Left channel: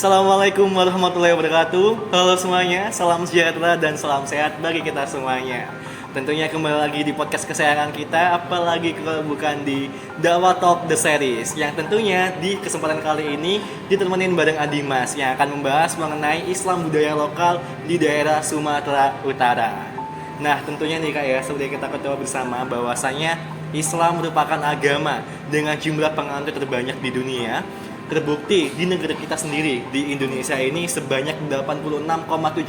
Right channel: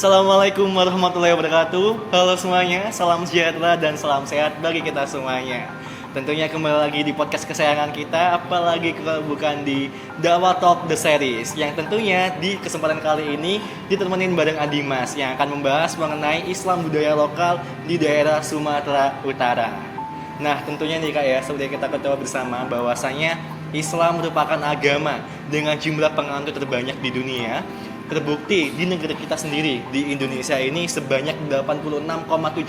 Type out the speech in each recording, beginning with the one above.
Assalamualaikum warahmatullahi wabarakatuh. Halo semuanya, salam sejahtera dan salam sehat bagi kita semuanya. Tentunya kembali lagi di podcast kesayangan kita, apalagi kalau bukan di Dakwah Talk The Series, yang tentunya di kesempatan kali ini ditemenin bareng Adimas yang akan membahas mengenai Islam budaya lokal di daerah Sumatera Utara. Nah, tentunya nih Kak ya, seperti kita ketahui bersama bahwasanya Islam merupakan agama dengan jumlah penganut terbanyak di dunia. Terbukti di negara kita sendiri, di Indonesia ini sebanyak 86,70%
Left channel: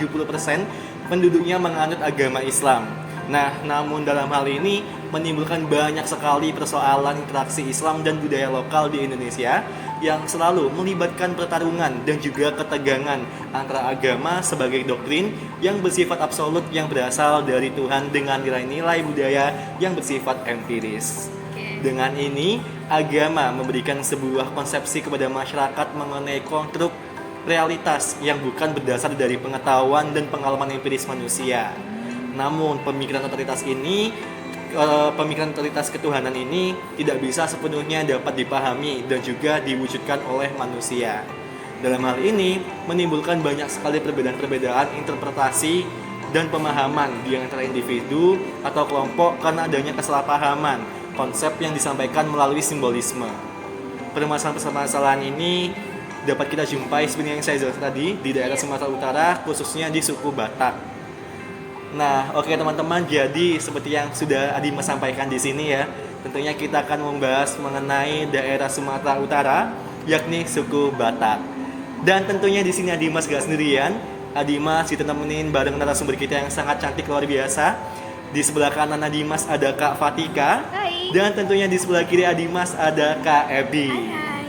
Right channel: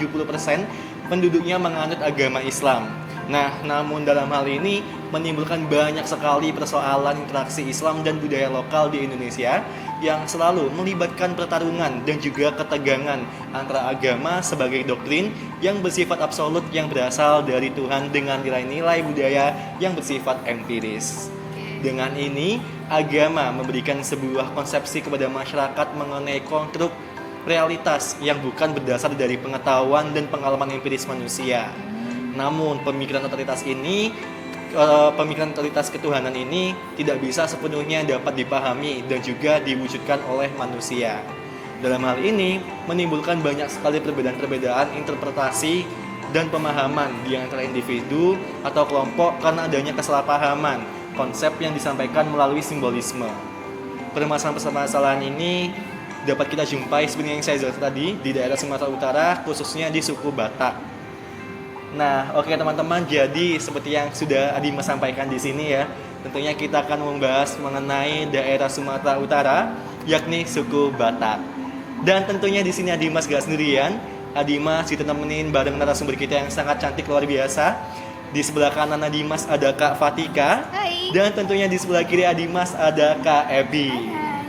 penduduknya menganut agama Islam. Nah, namun dalam hal ini menimbulkan banyak sekali persoalan interaksi Islam dan budaya lokal di Indonesia yang selalu melibatkan pertarungan dan juga ketegangan antara agama sebagai doktrin yang bersifat absolut yang berasal dari Tuhan dengan nilai-nilai budaya yang bersifat empiris. Dengan ini, agama memberikan sebuah konsepsi kepada masyarakat mengenai konstruk realitas yang bukan berdasar dari pengetahuan dan pengalaman empiris manusia. Namun, pemikiran totalitas ketuhanan ini tidak bisa sepenuhnya dapat dipahami dan juga diwujudkan oleh manusia. Dalam hal ini, menimbulkan banyak sekali perbedaan-perbedaan interpretasi dan pemahaman di antara individu atau kelompok karena adanya kesalahpahaman konsep yang disampaikan melalui simbolisme. Permasalahan-permasalahan ini dapat kita jumpai sebenarnya yang saya jelaskan tadi di daerah Sumatera Utara, khususnya di suku Batak. Nah, oke teman-teman, jadi seperti yang sudah Adimas sampaikan di sini ya, tentunya kita akan membahas mengenai daerah Sumatera Utara, yakni suku Batak. Dan tentunya di sini Adimas gak sendirian, Adimas ditemenin bareng narasumber kita yang sangat cantik luar biasa. Di sebelah kanan Adimas ada Kak Fatika. Hai. Dan tentunya di sebelah kiri Adimas ada Kak Ebi. Hai.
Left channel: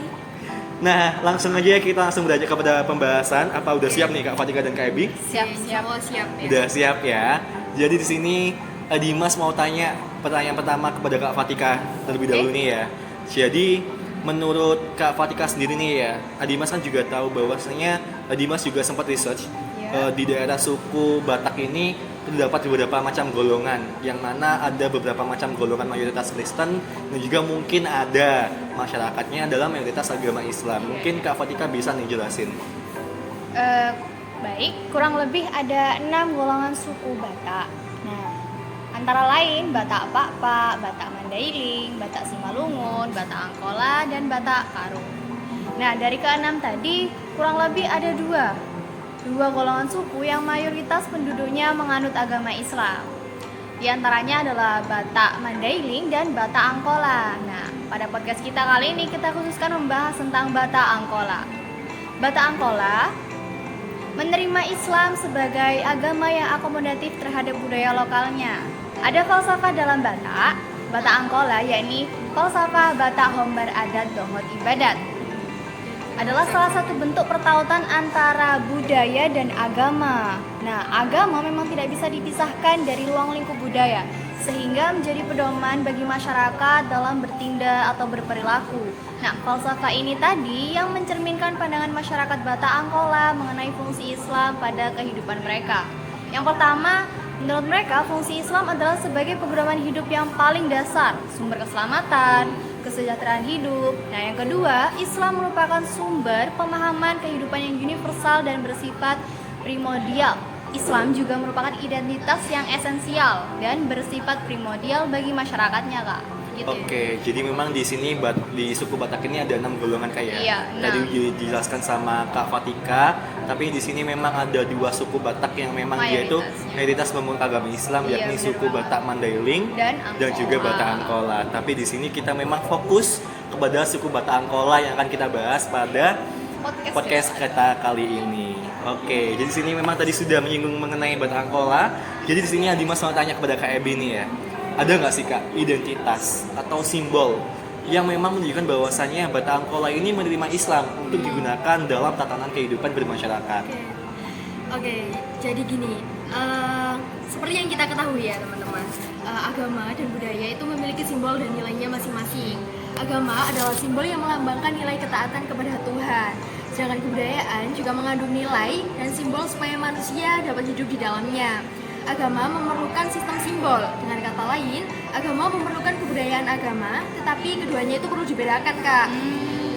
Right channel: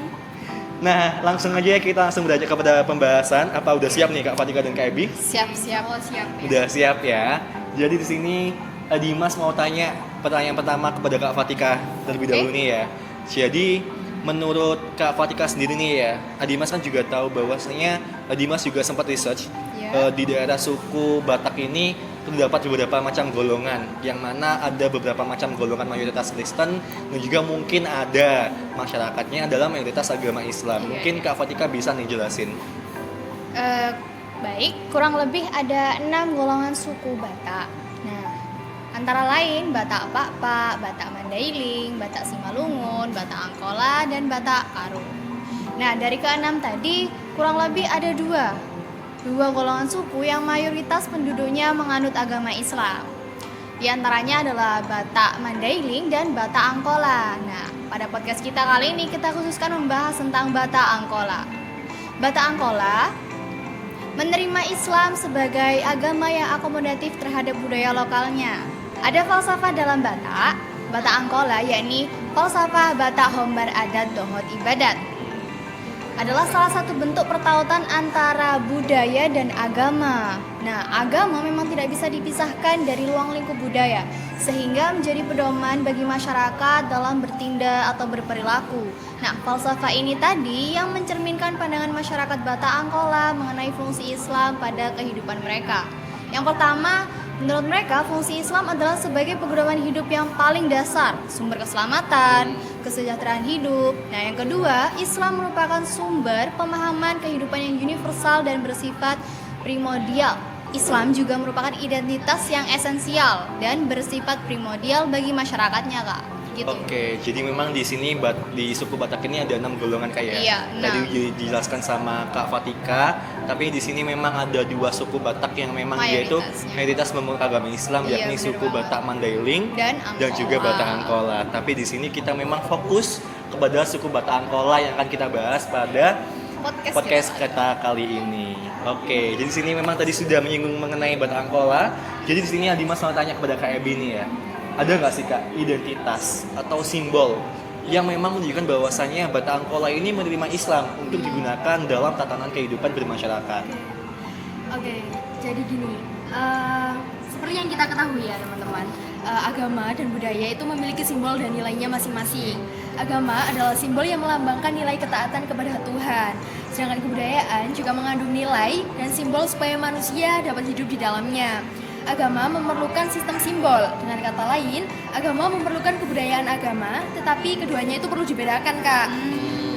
Nah, langsung aja kita langsung beranjak kepada pembahasan. Apa udah siap nih Kak Fatika dan Kak Ebi? Siap. Oh, siap ya. Udah siap ya. Jadi di sini Adimas mau tanya pertanyaan pertama kepada Kak Fatika terlebih dahulu nih ya. Jadi menurut Kak Fatika sendiri nih ya, Adimas kan juga tahu bahwasanya Adimas juga sempat research di daerah suku Batak ini terdapat beberapa macam golongan, yang mana ada beberapa macam golongan mayoritas Kristen dan juga mungkin ada masyarakatnya adalah mayoritas agama Islam. Mungkin Kak Fatika bisa nih jelasin. Baik, kurang lebih ada 6 golongan suku Batak. Nah, antara lain Batak Pakpak, Batak Mandailing, Batak Simalungun, Batak Angkola, dan Batak Karo. Nah, dari ke-6 tadi kurang lebih ada dua golongan suku yang mayoritas penduduknya menganut agama Islam. Di antaranya adalah Batak Mandailing dan Batak Angkola. Nah, pada podcast kita kali ini kita khususkan membahas tentang Batak Angkola. Batak Angkola menerima Islam sebagai agama yang akomodatif terhadap budaya lokalnya. Ada falsafah dalam Batak Angkola, yakni falsafah Batak Hombar Adat Dohot Ibadat. Adalah salah satu bentuk pertautan antara budaya dan agama. Nah, agama memang tidak bisa dipisahkan dari ruang lingkup budaya, sehingga menjadi pedoman bagi masyarakat dalam bertindak atau berperilaku. Nah, falsafah ini tadi yang mencerminkan pandangan masyarakat Batak Angkola mengenai fungsi Islam pada kehidupan mereka. Yang pertama, menurut mereka fungsi Islam adalah sebagai pedoman hidup yang paling dasar, sumber keselamatan, kesejahteraan hidup. Nah, yang kedua, Islam merupakan sumber pemahaman kehidupan yang universal dan bersifat primordial. Islam juga merupakan identitas yang esensial dan bersifat primordial bagi masyarakatnya, Kak. Gitu. Oke, jadi memang di sini di suku Batak ini ada 6 golongan kayak. Iya, Tadi dijelaskan sama Kak Fatika, tapi di sini memang ada 2 suku Batak yang memang dia itu mayoritas memeluk agama Islam, yakni suku Batak Mandailing dan juga Batak Angkola. Tapi di sini kita memang fokus kepada suku Batak Angkola yang akan kita bahas pada podcast kita kali ini. Oke, jadi di sini memang tadi sudah menyinggung mengenai Batak Angkola. Jadi di sini Adimas mau tanya kepada Kak Ebi nih ya. Ada nggak sih Kak identitas atau simbol yang memang menunjukkan bahwasannya Batak Angkola ini menerima Islam untuk digunakan dalam tatanan kehidupan bermasyarakat? Oke, jadi gini, seperti yang kita ketahui ya teman-teman, agama dan budaya itu memiliki simbol dan nilainya masing-masing. Agama adalah simbol yang melambangkan nilai ketaatan kepada Tuhan, sedangkan kebudayaan juga mengandung nilai dan simbol supaya manusia dapat hidup di dalamnya. agama memerlukan sistem simbol. Dengan kata lain, agama memerlukan kebudayaan agama, tetapi keduanya itu perlu dibedakan, Kak.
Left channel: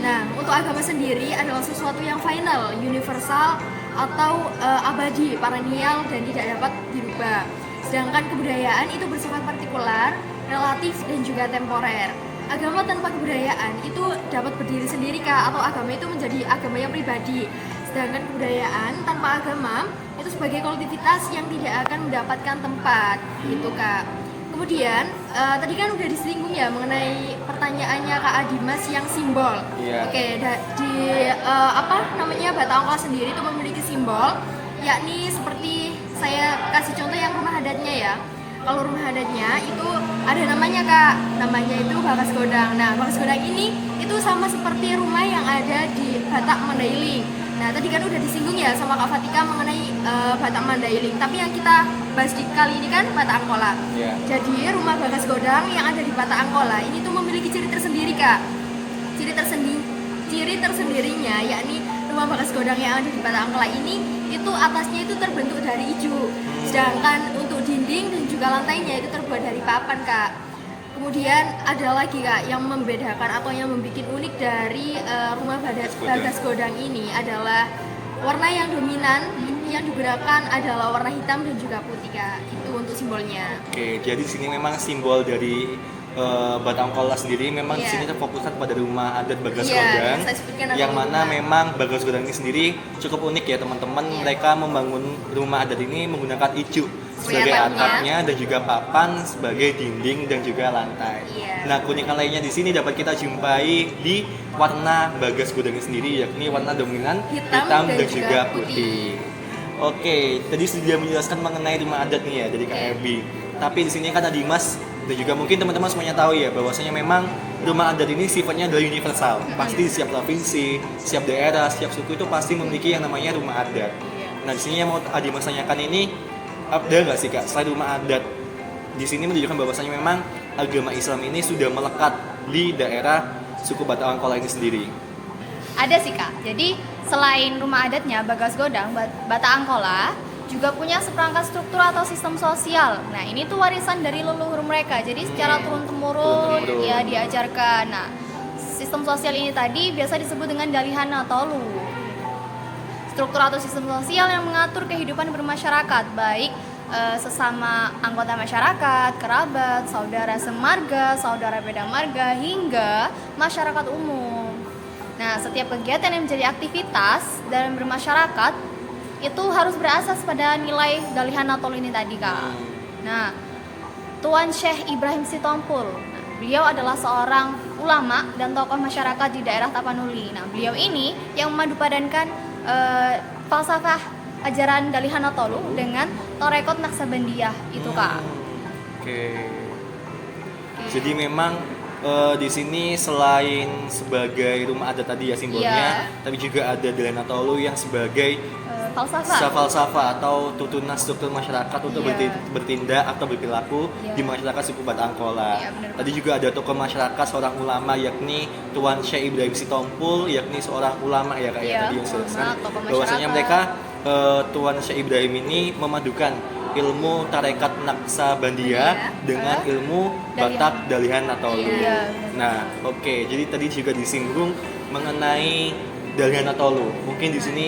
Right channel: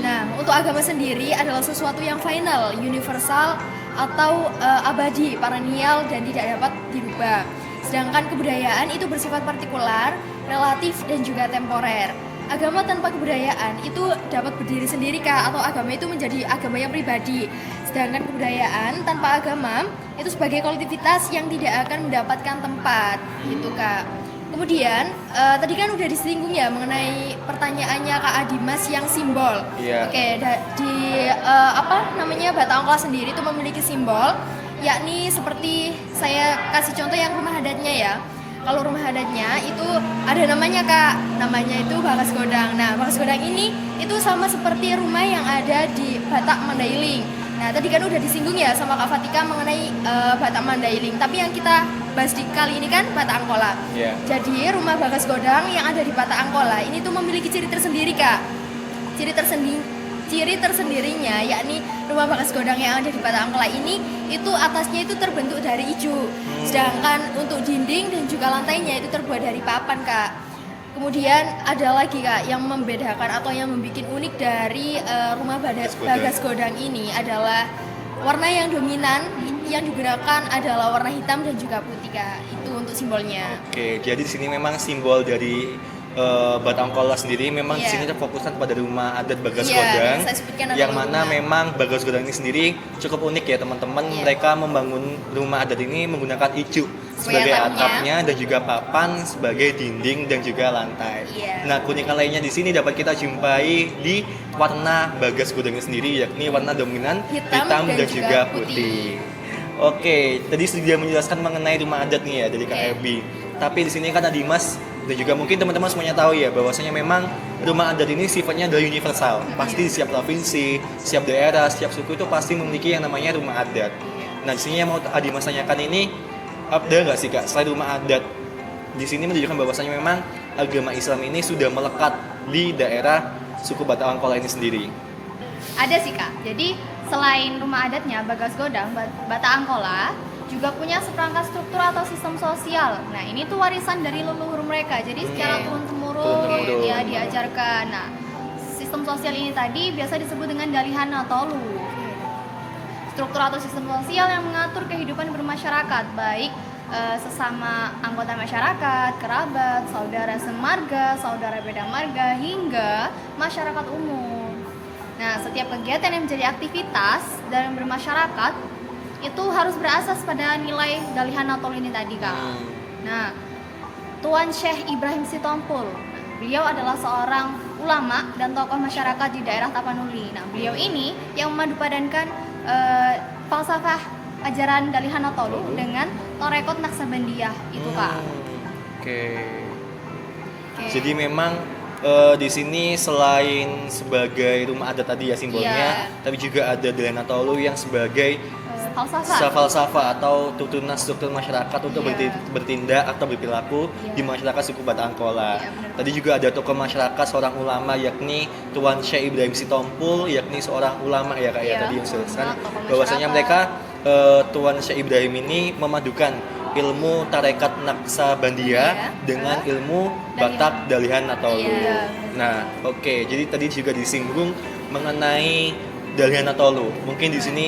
Nah, untuk agama sendiri adalah sesuatu yang final, universal, atau abadi, perennial, dan tidak dapat dirubah. Sedangkan kebudayaan itu bersifat partikular, relatif, dan juga temporer. Agama tanpa kebudayaan itu dapat berdiri sendiri, Kak, atau agama itu menjadi agama yang pribadi. Sedangkan kebudayaan tanpa agama itu sebagai kolektivitas yang tidak akan mendapatkan tempat, gitu, Kak. Kemudian tadi kan udah disinggung ya mengenai pertanyaannya Kak Adimas yang simbol. Iya. Oke, di Batak Angkola sendiri itu memiliki simbol, yakni seperti saya kasih contoh yang rumah adatnya ya. Kalau rumah adatnya itu ada namanya, Kak, namanya itu Bagas Godang. Nah, Bagas Godang ini itu sama seperti rumah yang ada di Batak Mandailing. Nah, tadi kan udah disinggung ya sama Kak Fatika mengenai Batak Mandailing. Tapi yang kita bahas di kali ini kan Batak Angkola. Yeah. Jadi rumah Bagas Godang yang ada di Batak Angkola ini tuh memiliki ciri tersendiri, Kak. Ciri tersendirinya yakni rumah Bagas Godang yang ada di Batak Angkola ini itu atasnya itu terbentuk dari ijo. Sedangkan untuk dinding dan juga lantainya itu terbuat dari papan, Kak. Kemudian ada lagi, Kak, yang membedakan atau yang membuat unik dari rumah Bagas Godang ini adalah warna yang dominan yang digunakan adalah warna hitam dan juga putih, Kak. Itu untuk simbolnya. Oke, jadi di sini memang simbol dari Batak Angkola sendiri memang di sini fokusnya kepada rumah adat Bagas Godang, yang mana memang Bagas Godang ini sendiri cukup unik ya teman-teman. Mereka membangun rumah adat ini menggunakan ijo sebagai atapnya dan juga papan sebagai dinding dan juga lantai. Nah, keunikan lainnya di sini dapat kita jumpai di warna Bagas Godang ini sendiri, yakni warna dominan hitam dan juga putih. Oke, tadi sudah menjelaskan mengenai rumah adat nih ya dari Kak Ebi. Tapi di sini kan Adimas dan juga mungkin teman-teman semuanya tahu ya bahwasanya memang rumah adat ini sifatnya adalah universal. Pasti setiap provinsi, setiap daerah, setiap suku itu pasti memiliki yang namanya rumah adat. Nah, di sini yang mau Adimas tanyakan ini, ada nggak sih, Kak, selain rumah adat di sini menunjukkan bahwasanya memang agama Islam ini sudah melekat di daerah suku Batak Angkola ini sendiri? Ada sih, Kak. Jadi selain rumah adatnya Bagas Godang, Batak Angkola juga punya seperangkat struktur atau sistem sosial. Nah, ini tuh warisan dari leluhur mereka. Jadi secara turun-temurun ya diajarkan. Nah, sistem sosial ini tadi biasa disebut dengan Dalihana Tolu. Struktur atau sistem sosial yang mengatur kehidupan bermasyarakat, baik sesama anggota masyarakat, kerabat, saudara semarga, saudara beda marga, hingga masyarakat umum. Nah, setiap kegiatan yang menjadi aktivitas dalam bermasyarakat itu harus berasas pada nilai Dalihana Tolu ini tadi, Kak. Nah, Tuan Syekh Ibrahim Sitompul, beliau adalah seorang ulama dan tokoh masyarakat di daerah Tapanuli. Nah, beliau ini yang memadupadankan falsafah ajaran Dalihana Tolu dengan Torekot Naksabandiyah itu, Kak. Oke. Jadi memang di sini selain sebagai rumah adat tadi ya simbolnya, tapi juga ada Dalihana Tolu yang sebagai falsafah atau tutunan struktur masyarakat untuk bertindak atau berperilaku di masyarakat suku Batak Angkola. Tadi juga ada tokoh masyarakat seorang ulama yakni Tuan Syekh Ibrahim Sitompul, yakni seorang ulama ya, Kak, ya tadi yang sudah bahwasanya mereka Tuan Syekh Ibrahim ini memadukan ilmu tarekat Naksabandiyah dengan ilmu Batak Dalihana Tolu. Nah, oke, jadi tadi juga disinggung mengenai Dalihana Tolu. Mungkin di sini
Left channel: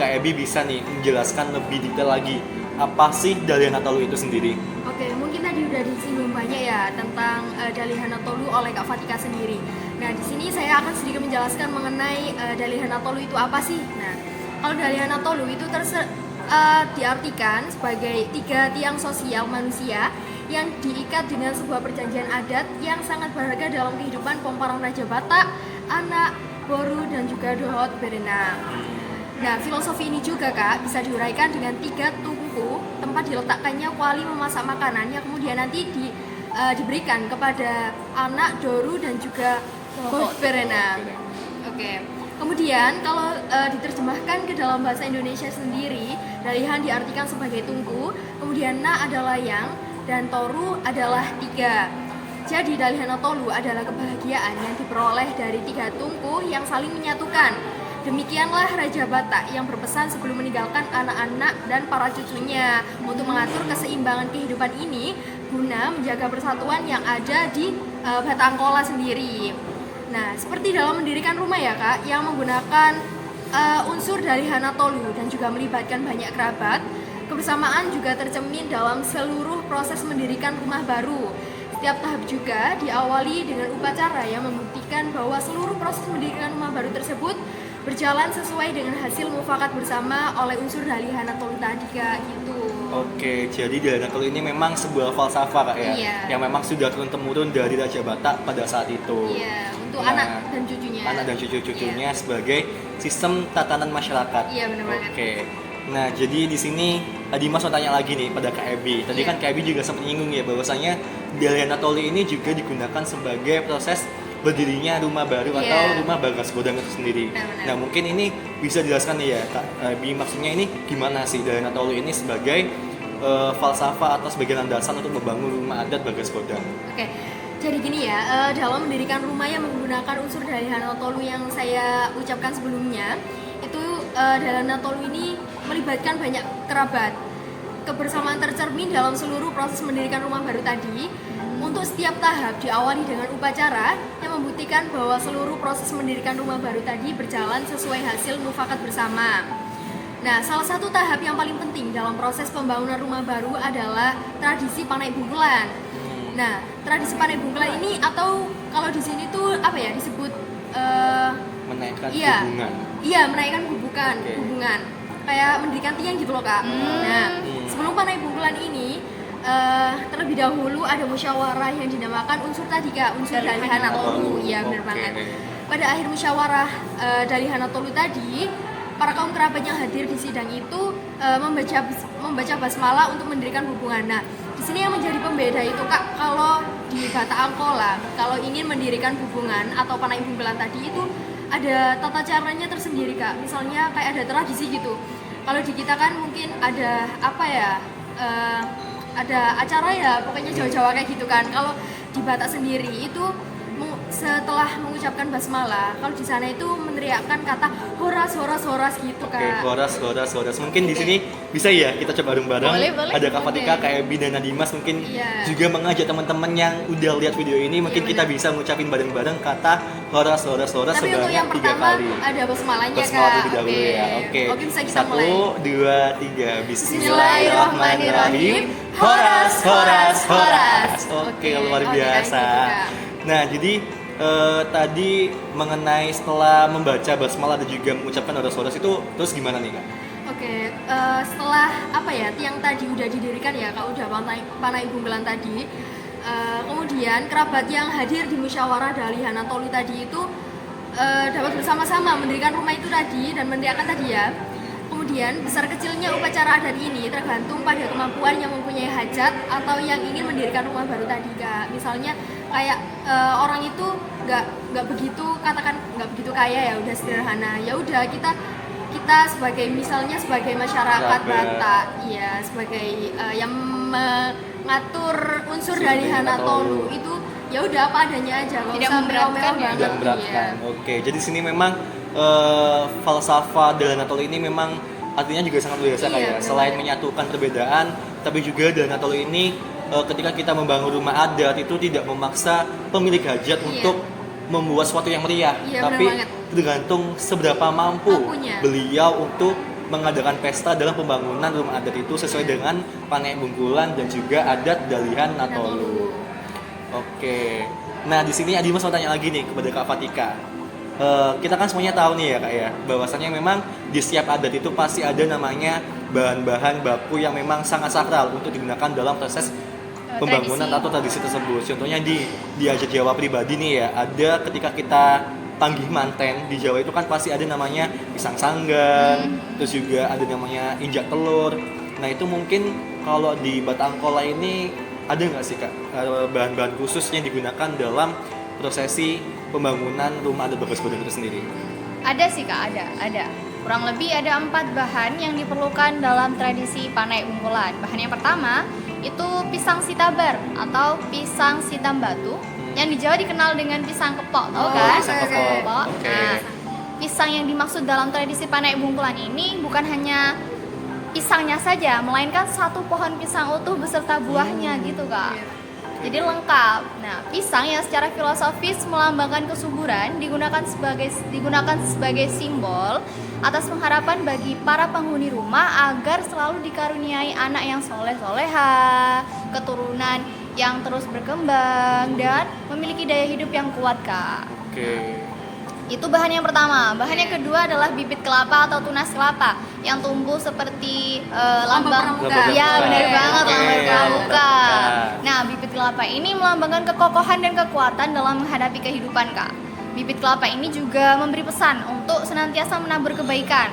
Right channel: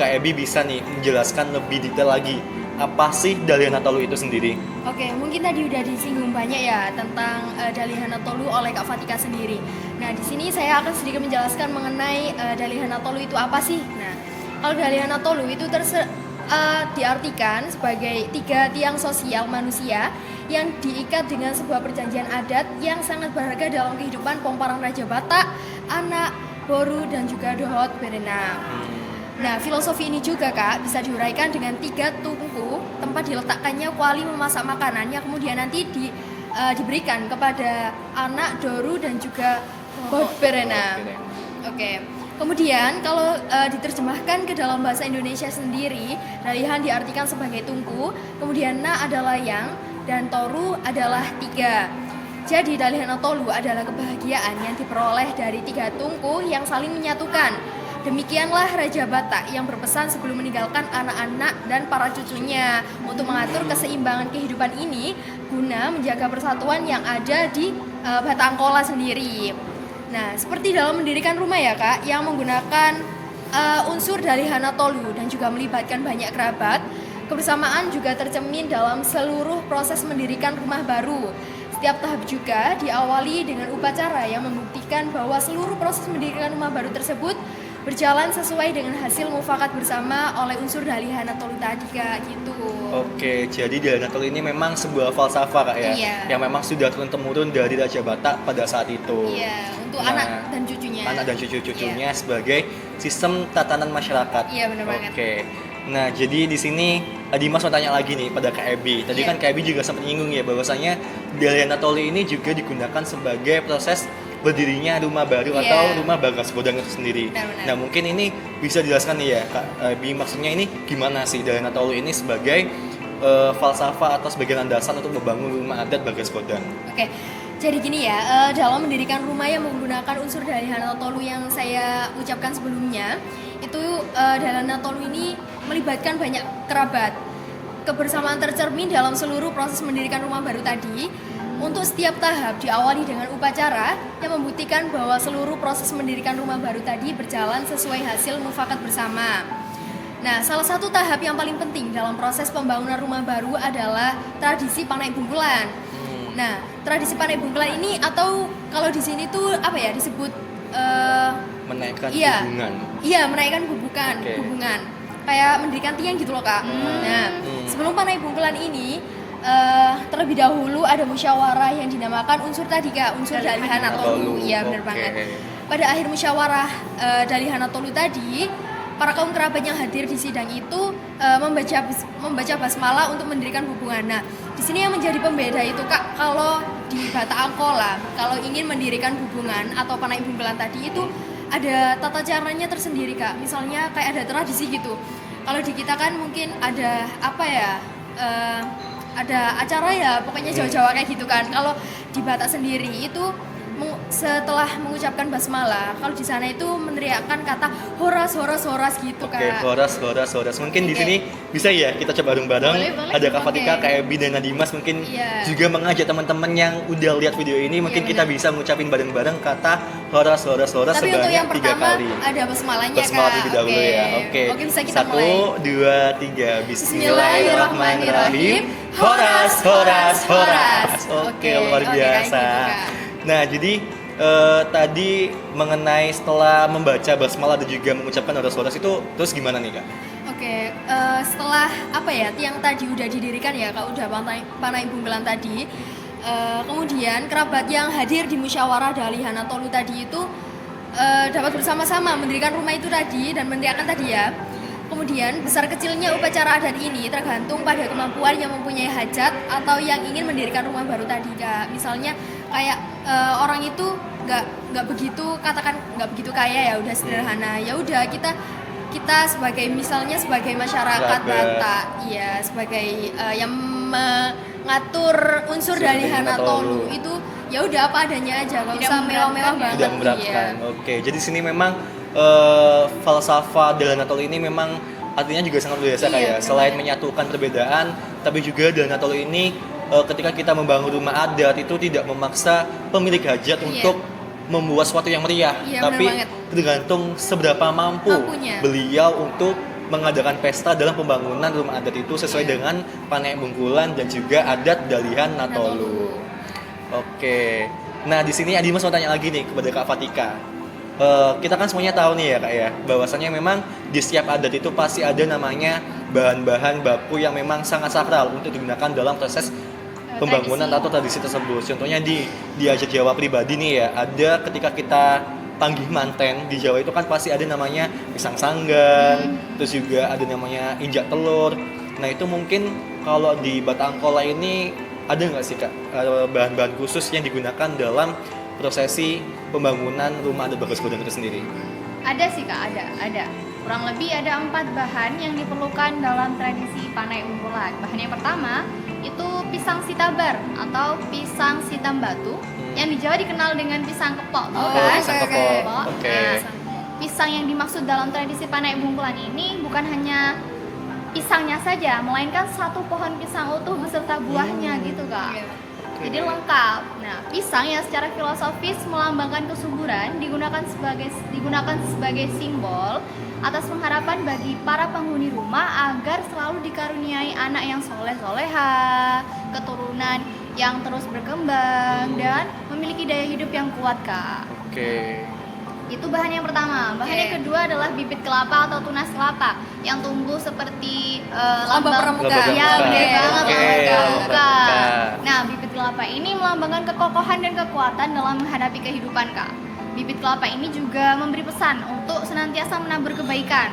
Kak Ebi bisa nih menjelaskan lebih detail lagi apa sih Dalihana Tolu itu sendiri? Oke, mungkin tadi udah disinggung banyak ya tentang Dalihana Tolu oleh Kak Fatika sendiri. Nah, di sini saya akan sedikit menjelaskan mengenai Dalihana Tolu itu apa sih. Nah, kalau Dalihana Tolu itu diartikan sebagai 3 tiang sosial manusia yang diikat dengan sebuah perjanjian adat yang sangat berharga dalam kehidupan Pomparang Raja Batak, Anak, Boru, dan juga Dohot Berenang. Nah, filosofi ini juga, Kak, bisa diuraikan dengan 3 tungku tempat diletakkannya kuali memasak makanan yang kemudian nanti diberikan kepada anak, doru, dan juga Dohot Berenang. Oke. Kemudian kalau diterjemahkan ke dalam bahasa Indonesia sendiri, Dalihan diartikan sebagai tungku, kemudian Na adalah yang, dan Toru adalah 3. Jadi Dalihana Tolu adalah kebahagiaan yang diperoleh dari 3 tungku yang saling menyatukan. Demikianlah Raja Batak yang berpesan sebelum meninggalkan anak-anak dan para cucunya untuk mengatur keseimbangan kehidupan ini guna menjaga persatuan yang ada di Batak Angkola sendiri. Nah, seperti dalam mendirikan rumah ya Kak, yang menggunakan unsur dari Hanatolu dan juga melibatkan banyak kerabat, kebersamaan juga tercermin dalam seluruh proses mendirikan rumah baru. Setiap tahap juga diawali dengan upacara yang membuktikan bahwa seluruh proses mendirikan rumah baru tersebut berjalan sesuai dengan hasil mufakat bersama oleh unsur dari Hanatolu tadi Kak, gitu. Oke, jadi di Hanatolu ini memang sebuah falsafah Kak ya, Iya. yang memang sudah turun-temurun dari Raja Batak pada saat itu. Iya, untuk Nah, anak dan cucunya. Anak dan cucu-cucunya sebagai sistem tatanan masyarakat. Iya, benar banget. Oke. Nah, jadi di sini Dimas mau tanya lagi nih pada Kak Ebi. Tadi Iya. kan Kak Ebi juga sempat nyinggung ya bahwasanya di Hanatolu ini juga digunakan sebagai proses berdirinya rumah baru Iya. atau rumah Bagas Bodang itu sendiri. Benar-benar. Nah, mungkin ini bisa dijelaskan nih ya Kak Ebi, maksudnya ini gimana sih dari Hanatolu ini sebagai falsafah atau sebagai landasan untuk membangun rumah adat Bagas Bodang. Oke, jadi gini ya, dalam mendirikan rumah yang menggunakan unsur dari Hanatolu yang saya ucapkan sebelumnya, itu dari Hanatolu ini melibatkan banyak kerabat. Kebersamaan tercermin dalam seluruh proses mendirikan rumah baru tadi. Untuk setiap tahap diawali dengan upacara yang membuktikan bahwa seluruh proses mendirikan rumah baru tadi berjalan sesuai hasil mufakat bersama. Nah, salah satu tahap yang paling penting dalam proses pembangunan rumah baru adalah tradisi Panai Bungkulan. Nah, tradisi Panai Bungkulan ini atau kalau di sini tuh apa ya disebut Menaikkan iya. hubungan. Iya, menaikkan hubungan, Oke. hubungan. Kayak mendirikan tiang gitu loh, Kak. Nah, sebelum Panai Bungkulan ini terlebih dahulu ada musyawarah yang dinamakan unsur tadi Kak, unsur dari Hanatolu. Iya, benar Oke. banget. Pada akhir musyawarah dari Hanatolu tadi, para kaum kerabat yang hadir di sidang itu membaca basmalah untuk mendirikan hubungan. Nah, di sini yang menjadi pembeda itu Kak, kalau di Batak Angkola, kalau ingin mendirikan hubungan atau Panai Bungkulan tadi itu ada tata caranya tersendiri Kak. Misalnya kayak ada tradisi gitu. Kalau di kita kan mungkin ada apa ya? Ada acara ya, pokoknya Jawa-Jawa kayak gitu kan. Kalau di Batak sendiri itu setelah mengucapkan basmalah, kalau di sana itu meneriakkan kata horas horas horas gitu Oke, Kak. horas. Mungkin di Oke. sini bisa ya kita coba bareng-bareng. Boleh. Ada Kak Fatika, Oke. Kak Ebi, dan Dimas mungkin Iya. juga mengajak teman-teman yang udah lihat video ini, mungkin Iya, kita benar. bisa mengucapin bareng-bareng kata horas Tapi untuk sebanyak yang 3 pertama kali. ada basmalahnya Basmalah Kak. terlebih dahulu ya. Oke. Oke, bisa kita 1, mulai. 2, 3. Bismillahirrahmanirrahim. Horas. Horas. Oke, luar Oke, biasa. kayak gitu, Kak. Nah, jadi tadi mengenai setelah membaca basmalah dan juga mengucapkan horas itu terus gimana nih Kak? Oke, setelah apa ya tiang tadi udah didirikan ya Kak, udah Panai Bungkulan tadi. Kemudian kerabat yang hadir di musyawarah dari Hanatolu tadi itu dapat bersama-sama mendirikan rumah itu tadi dan meneriakkan tadi ya. Kemudian besar kecilnya upacara adat ini tergantung pada kemampuan yang mempunyai hajat atau yang ingin mendirikan rumah baru tadi Kak. Misalnya kayak orang itu nggak begitu katakan nggak begitu kaya ya udah sederhana, ya udah kita sebagai misalnya sebagai masyarakat Batak ya sebagai yang mengatur unsur dari Hanatolu itu ya udah apa adanya aja nggak usah mewah-mewah banget. Tidak memberatkan. Oke, jadi sini memang falsafah dari Hanatolu ini memang artinya juga sangat luar biasa Iya, kayak benar. selain menyatukan perbedaan, tapi juga dari Hanatolu ini ketika kita membangun rumah adat itu tidak memaksa pemilik hajat Iya. untuk membuat sesuatu yang meriah, Iya, tapi benar banget. tergantung seberapa mampu Mampunya. beliau untuk mengadakan pesta dalam pembangunan rumah adat itu sesuai Iya. dengan Panai Bungkulan dan juga adat dari Hanatolu. Oke, nah di sini Dimas mau tanya lagi nih kepada Kak Fatika. Kita kan semuanya tahu nih ya Kak ya, bahwasannya memang di setiap adat itu pasti ada namanya bahan-bahan baku yang memang sangat sakral untuk digunakan dalam proses pembangunan atau tradisi tersebut. Contohnya di adat Jawa pribadi nih ya, ada ketika kita panggih manten di Jawa itu kan pasti ada namanya pisang sanggang, terus juga ada namanya injak telur. Nah itu mungkin kalau di Batak Angkola ini ada nggak sih Kak bahan-bahan khusus yang digunakan dalam prosesi pembangunan rumah adat Bagas Bodang itu sendiri? Ada sih Kak, ada. Kurang lebih ada 4 bahan yang diperlukan dalam tradisi Panai Bungkulan. Bahan yang pertama itu pisang sitabar atau pisang sitam batu yang di Jawa dikenal dengan pisang kepok, tahu Oh, kan? pisang kepok. Kepok. Oke. Nah, pisang yang dimaksud dalam tradisi Panek Bungkulan ini bukan hanya pisangnya saja, melainkan satu pohon pisang utuh beserta buahnya gitu Kak. Iya. Jadi lengkap. Nah, pisang yang secara filosofis melambangkan kesuburan digunakan sebagai simbol atas pengharapan bagi para penghuni rumah agar selalu dikaruniai anak yang soleh-soleha, keturunan yang terus berkembang dan memiliki daya hidup yang kuat Kak. Oke. Itu bahan yang pertama. Bahan yang Oke. kedua adalah bibit kelapa atau tunas kelapa yang tumbuh seperti lambang. pramuka. Lambang Iya, pramuka. benar banget Oke. lambang pramuka. Pramuka. Nah, bibit kelapa ini melambangkan kekokohan dan kekuatan dalam menghadapi kehidupan, Kak. Bibit kelapa ini juga memberi pesan untuk senantiasa menabur kebaikan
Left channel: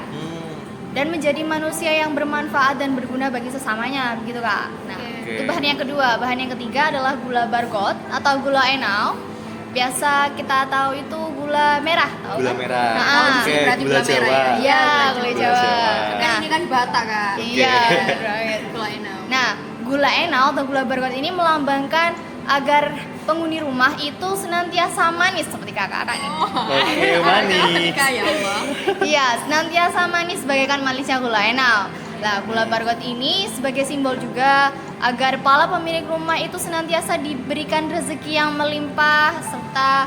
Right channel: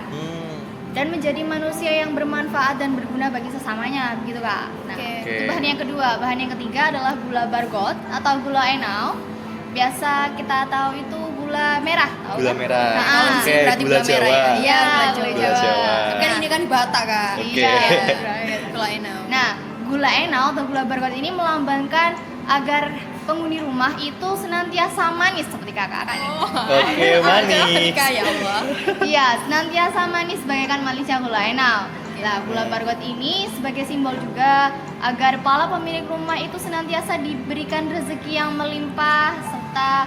dan menjadi manusia yang bermanfaat dan berguna bagi sesamanya, begitu Kak. Nah, Oke. itu bahan yang kedua. Bahan yang ketiga adalah gula bargot atau gula enau. Biasa kita tahu itu gula merah, tahu Gula kan? merah. Nah, Oke, berarti gula gula merah Jawa. ya. Iya, Gula gula Jawa. Jawa. Kan ini kan Batak Kak. Oke. Iya, Iya. right. Gula enau. Nah, gula enau atau gula bargot ini melambangkan agar penghuni rumah itu senantiasa manis seperti kakak ini. Oke, manis. Kak, ya Allah. Iya, senantiasa manis bagaikan manisnya gula enau. Nah, gula bargot ini sebagai simbol juga agar para pemilik rumah itu senantiasa diberikan rezeki yang melimpah serta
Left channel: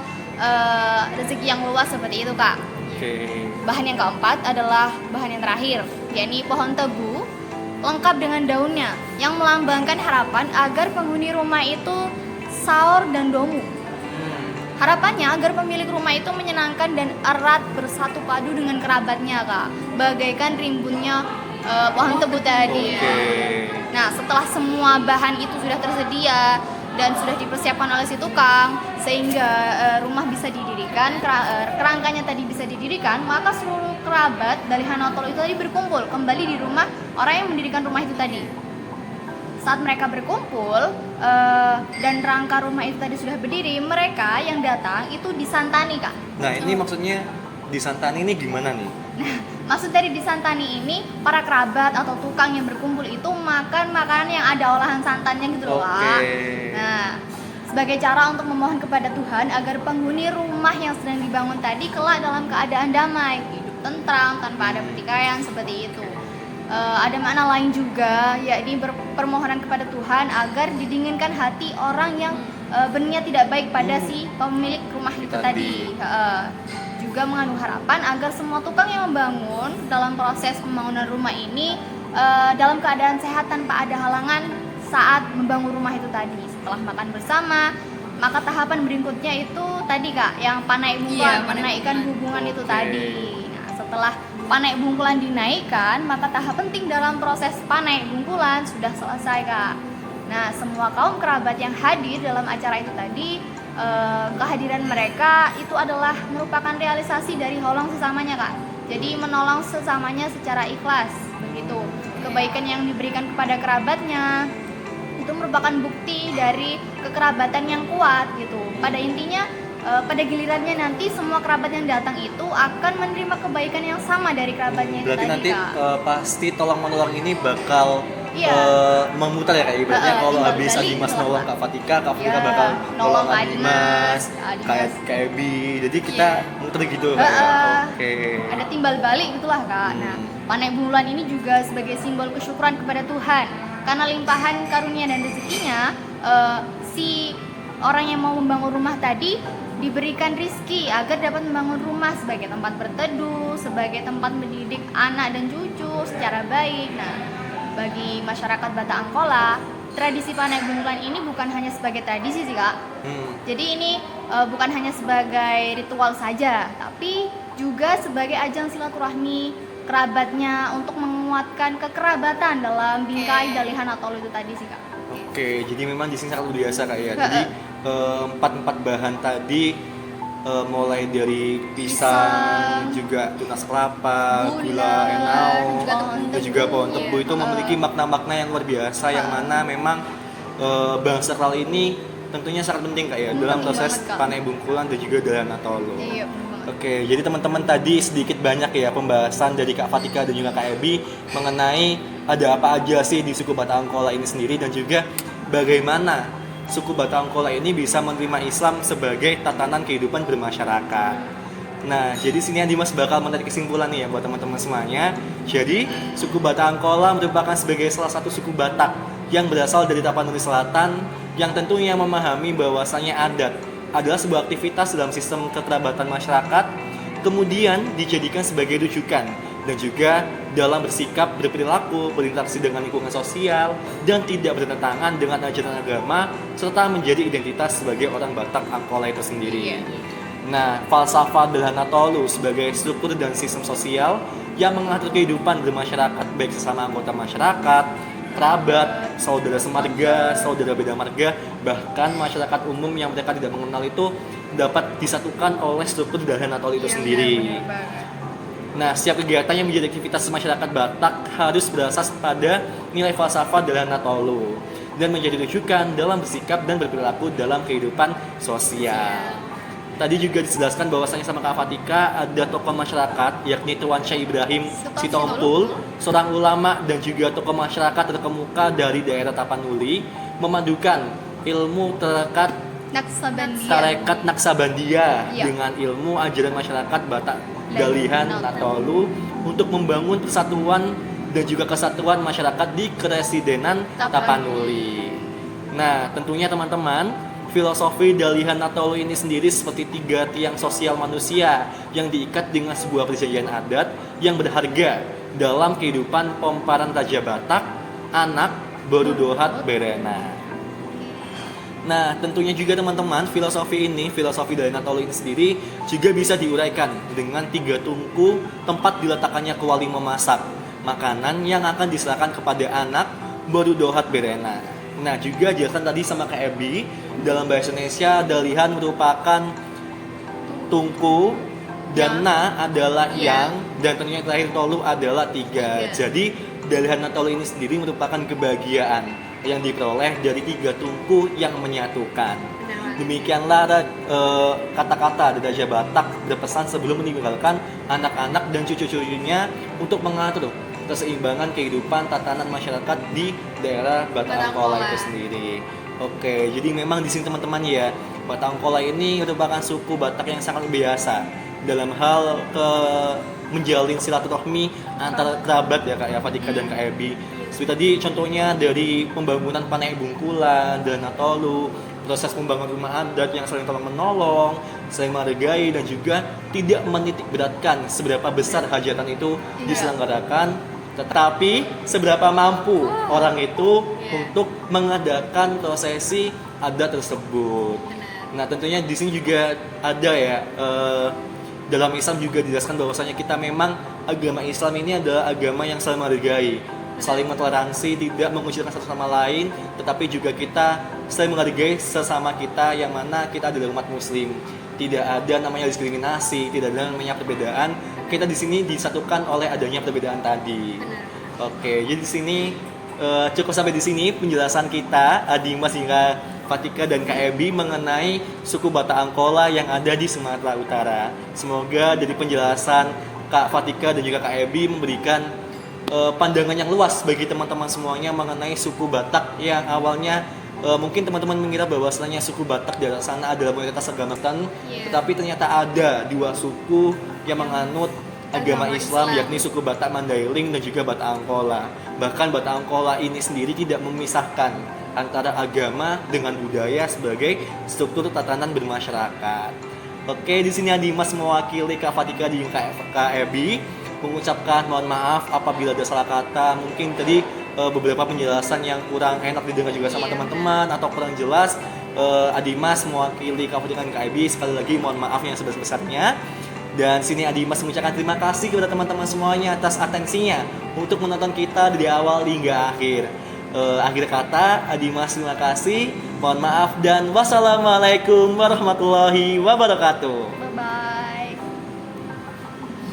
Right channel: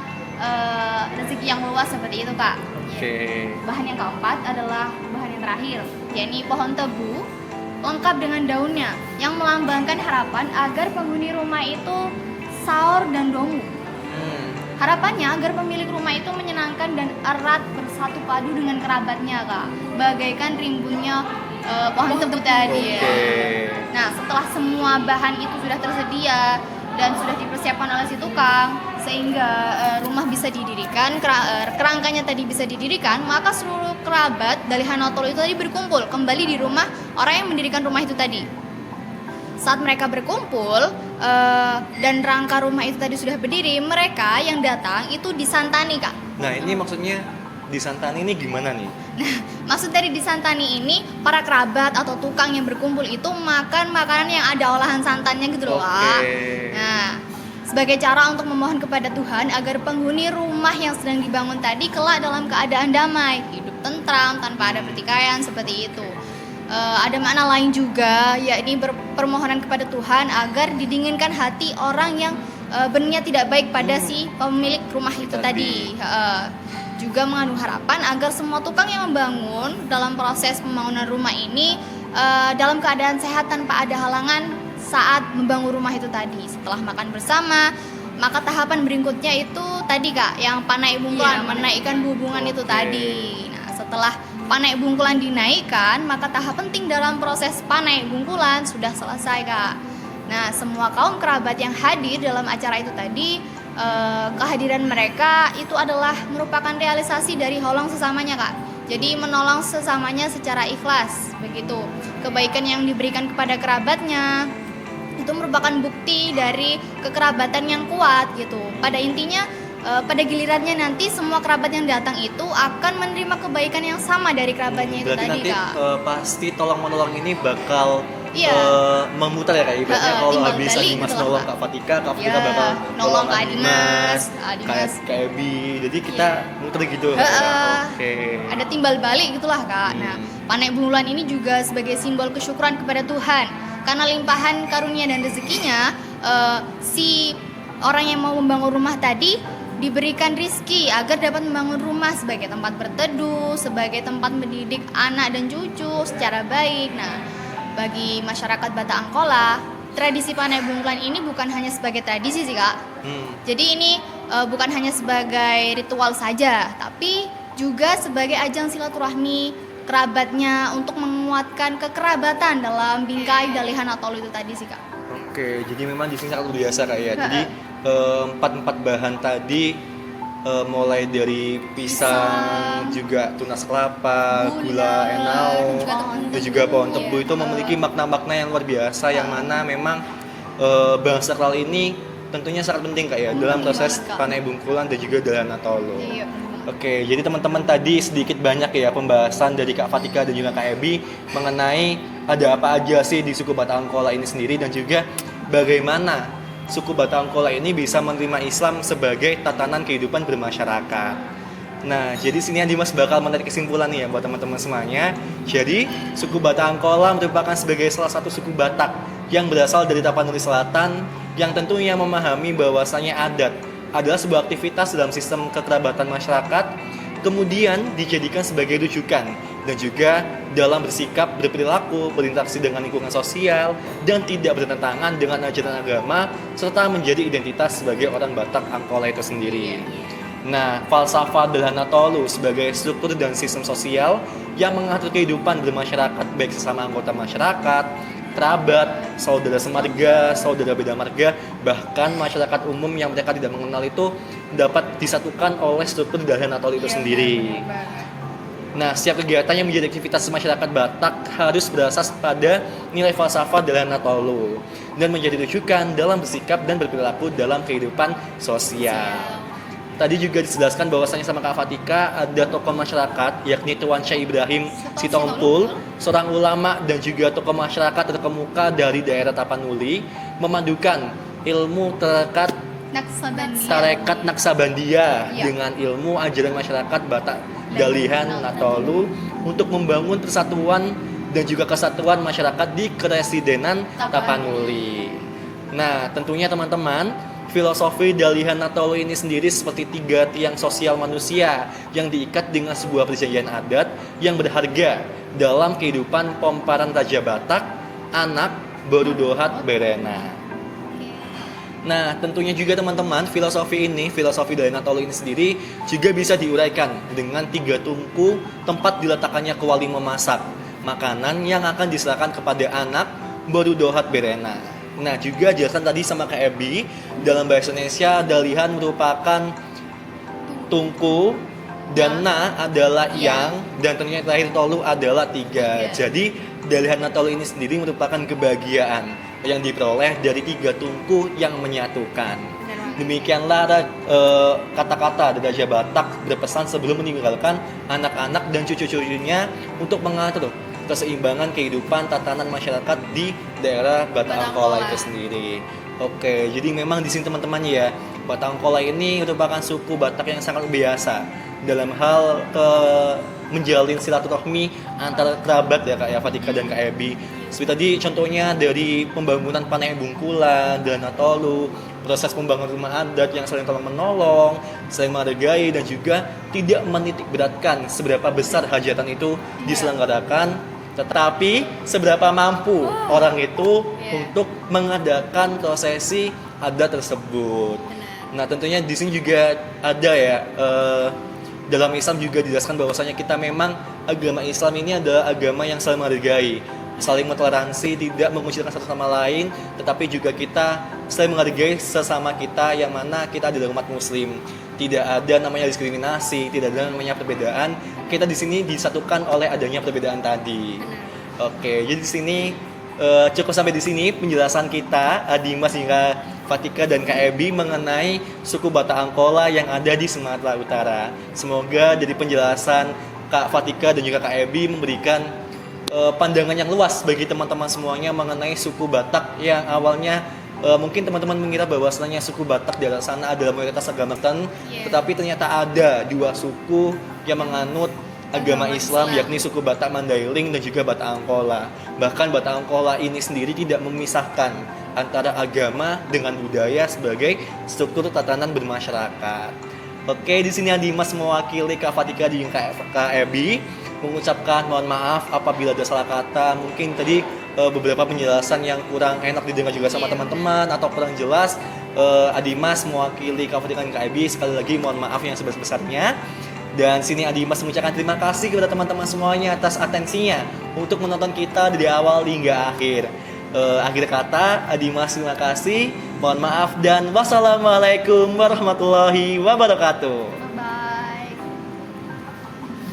rezeki yang luas seperti itu, Kak. Oke. Bahan yang keempat adalah bahan yang terakhir, yakni pohon tebu lengkap dengan daunnya yang melambangkan harapan agar penghuni rumah itu sahur dan domu. Harapannya agar pemilik rumah itu menyenangkan dan erat bersatu padu dengan kerabatnya, Kak. Bagaikan rimbunnya pohon tebu tadi. Oke. Nah, setelah semua bahan itu sudah tersedia dan sudah dipersiapkan oleh si tukang sehingga rumah bisa didirikan, kerangkanya tadi bisa didirikan, maka seluruh kerabat dari Hanotol itu tadi berkumpul kembali di rumah orang yang mendirikan rumah itu tadi. Saat mereka berkumpul dan rangka rumah itu tadi sudah berdiri, mereka yang datang itu disantani, Kak. Nah, ini maksudnya disantani ini gimana nih? Maksud dari disantani ini, para kerabat atau tukang yang berkumpul itu makan makanan yang ada olahan santannya gitu loh, Oke. Kak. Nah, sebagai cara untuk memohon kepada Tuhan agar penghuni rumah yang sedang dibangun tadi kelak dalam keadaan damai, hidup tentram tanpa ada pertikaian seperti itu. Ada makna lain juga, yakni permohonan kepada Tuhan agar didinginkan hati orang yang berniat tidak baik pada si pemilik rumah itu tadi. Juga mengandung harapan agar semua tukang yang membangun dalam proses pembangunan rumah ini dalam keadaan sehat tanpa ada halangan saat membangun rumah itu tadi. Setelah makan bersama, maka tahapan berikutnya itu tadi, Kak, yang panek bungkulan, Iya, menaikkan hubungan itu tadi. Nah, setelah panek bungkulan dinaikkan, maka tahap penting dalam proses panek bungkulan sudah selesai, Kak. Nah, semua kaum kerabat yang hadir dalam acara itu tadi, kehadiran mereka itu adalah merupakan realisasi dari holong sesamanya, Kak. Jadi menolong sesamanya secara ikhlas, begitu. Kebaikan yang diberikan kepada kerabatnya itu merupakan bukti dari kekerabatan yang kuat gitu. Pada intinya pada gilirannya nanti semua kerabat yang datang itu akan menerima kebaikan yang sama dari kerabatnya itu Berarti tadi, nanti Kak. pasti tolong menolong ini bakal Iya. memutar ya, kayak ibaratnya kalau timbal habis balik Adimas gitu, nolong Kak. Kak Fatika Iya, bakal nolong Kak Adimas, Adimas. kayak Ebi. Jadi kita muter gitu Kak, ya. Oke. Ada timbal balik gitulah, Kak. Nah, panek bungkulan ini juga sebagai simbol kesyukuran kepada Tuhan karena limpahan karunia dan rezekinya, si orang yang mau membangun rumah tadi diberikan rizki agar dapat membangun rumah sebagai tempat berteduh, sebagai tempat mendidik anak dan cucu secara baik. Nah, bagi masyarakat Batak Angkola, tradisi panek bungkulan ini bukan hanya sebagai tradisi sih, Kak. Jadi ini bukan hanya sebagai ritual saja, tapi juga sebagai ajang silaturahmi kerabatnya untuk menguatkan kekerabatan dalam bingkai Dalihan atau itu tadi sih, Kak. Oke, jadi memang di sini sangat luar biasa Kak ya. Jadi empat bahan tadi mulai dari pisang, juga tunas kelapa, gula enau, dan juga pohon tebu itu memiliki makna-makna yang luar biasa yang mana memang bahan sakral ini tentunya sangat penting Kak ya dalam proses banget, Kak. panek bungkulan dan juga Dalihan Atolo. Iya, bener banget. Oke, jadi teman-teman tadi sedikit banyak ya pembahasan dari Kak Fatika dan juga Kak Ebi mengenai ada apa aja sih di suku Batak Angkola ini sendiri dan juga bagaimana suku Batak Angkola ini bisa menerima Islam sebagai tatanan kehidupan bermasyarakat. Nah, jadi sini Dimas bakal menarik kesimpulan nih ya buat teman-teman semuanya. Jadi, suku Batak Angkola merupakan sebagai salah satu suku Batak yang berasal dari Tapanuli Selatan yang tentunya memahami bahwasanya adat adalah sebuah aktivitas dalam sistem kekerabatan masyarakat, kemudian dijadikan sebagai rujukan dan juga dalam bersikap, berperilaku, berinteraksi dengan lingkungan sosial dan tidak bertentangan dengan ajaran agama serta menjadi identitas sebagai orang Batak Angkola itu sendiri. Nah, falsafah Dahana Tolu sebagai struktur dan sistem sosial yang mengatur kehidupan bermasyarakat baik sesama anggota masyarakat, kerabat, saudara semarga, saudara beda marga, bahkan masyarakat umum yang mereka tidak mengenal itu dapat disatukan oleh struktur Dahana Tolu itu sendiri. Nah, setiap kegiatan yang menjadi aktivitas masyarakat Batak harus berasas pada nilai falsafah Dahana Tolu dan menjadi rujukan dalam bersikap dan berperilaku dalam kehidupan sosial. Tadi juga dijelaskan bahwasanya sama Kak Fatika ada tokoh masyarakat yakni Tuan Syekh Ibrahim Sitompul, seorang ulama dan juga tokoh masyarakat terkemuka dari daerah Tapanuli, memadukan ilmu tarekat Naksabandia dengan ilmu ajaran masyarakat Batak Dalihan Natolu untuk membangun persatuan dan juga kesatuan masyarakat di Keresidenan Tapanuli. Nah, tentunya teman-teman, filosofi Dalihan Natolu ini sendiri seperti tiga tiang sosial manusia yang diikat dengan sebuah perjanjian adat yang berharga dalam kehidupan Pomparan Raja Batak, anak Borudohat Berena. Nah, tentunya juga teman-teman, filosofi Dalihan Natolu ini sendiri juga bisa diuraikan dengan tiga tungku tempat diletakkannya kuali memasak makanan yang akan diserahkan kepada anak Borudohat Berena. Nah, juga jelaskan tadi sama Kak Ebi, dalam bahasa Indonesia Dalihan merupakan tungku dan na adalah yang dan tentunya terakhir tolu adalah tiga. Jadi Dalihan Natolu ini sendiri merupakan kebahagiaan yang diperoleh dari tiga tungku yang menyatukan. Demikianlah kata-kata dari Raja Batak berpesan sebelum meninggalkan anak-anak dan cucu-cucunya untuk mengatur keseimbangan kehidupan tatanan masyarakat di daerah Batak Angkola itu sendiri. Oke, jadi memang di sini teman-teman ya, Batak Angkola ini merupakan suku Batak yang sangat biasa dalam hal menjalin silaturahmi antara kerabat ya Kak ya, Fatika dan Kak Ebi. Seperti tadi contohnya dari pembangunan Panai Bungkulan, Dahana Tolu, proses pembangunan rumah adat yang saling tolong menolong, saling menghargai dan juga tidak menitik beratkan seberapa besar hajatan itu diselenggarakan, tetapi seberapa mampu orang itu untuk mengadakan prosesi adat tersebut. Nah, tentunya di sini juga ada ya dalam Islam juga dijelaskan bahwasanya kita memang agama Islam ini adalah agama yang saling menghargai, saling mentoleransi, tidak mengucilkan satu sama lain, tetapi juga kita saling menghargai sesama kita yang mana kita adalah umat muslim. Tidak ada namanya diskriminasi, tidak ada namanya perbedaan. Kita di sini disatukan oleh adanya perbedaan tadi. Oke, jadi di sini cukup sampai di sini penjelasan kita Dimas hingga Fatika dan Kak Ebi mengenai suku Batak Angkola yang ada di Sumatera Utara. Semoga dari penjelasan Kak Fatika dan juga Kak Ebi memberikan pandangan yang luas bagi teman-teman semuanya mengenai suku Batak yang awalnya mungkin teman-teman mengira bahwasanya suku Batak di atas sana adalah mayoritas agama Kristen, tetapi ternyata ada dua suku yang menganut agama Islam, yakni suku Batak Mandailing dan juga Batak Angkola. Bahkan Batak Angkola ini sendiri tidak memisahkan antara agama dengan budaya sebagai struktur tatanan bermasyarakat. Oke, di sini Dimas mewakili Kak Fatika dan Kak Ebi mengucapkan mohon maaf apabila ada salah kata. Mungkin tadi beberapa penjelasan yang kurang enak didengar juga sama teman-teman atau kurang jelas. Dimas mewakili Kak Fatika dan Kak Ebi sekali lagi mohon maaf yang sebesar-besarnya. Dan sini Dimas mengucapkan terima kasih kepada teman-teman semuanya atas atensinya untuk menonton kita dari awal hingga akhir. Akhir kata, Dimas terima kasih, mohon maaf dan wassalamualaikum warahmatullahi wabarakatuh. Bye-bye.